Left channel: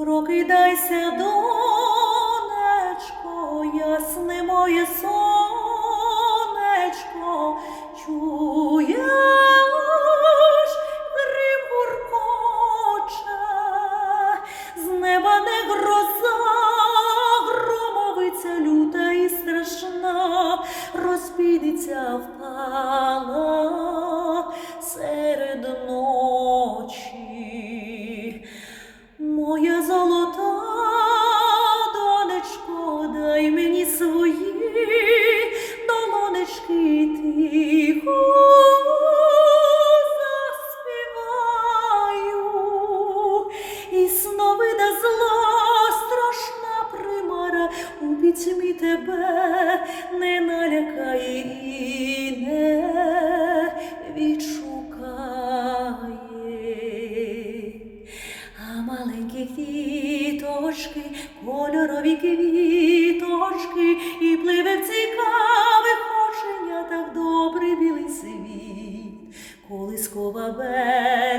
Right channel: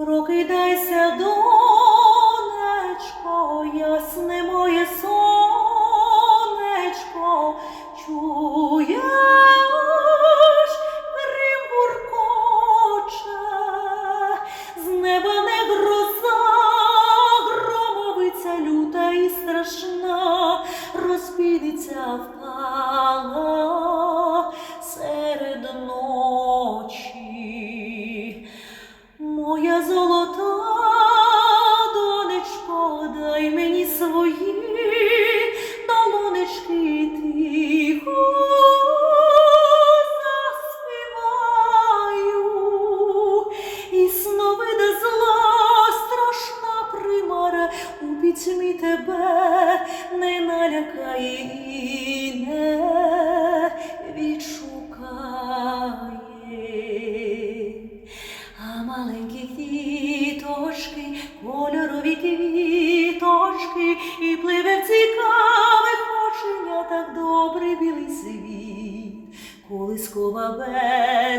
Прокидайся, донечко, ясне моє сонечко, чуєш, грім гуркоче, з неба не гроза, громовиця люта і страшна, розпідеться впала свої долонечки тихо заспіваю. І сновида зла страшна примара у пітьмі тебе не налякає і не відшукає. А маленькі квіточки, кольорові квіти, колискова бе.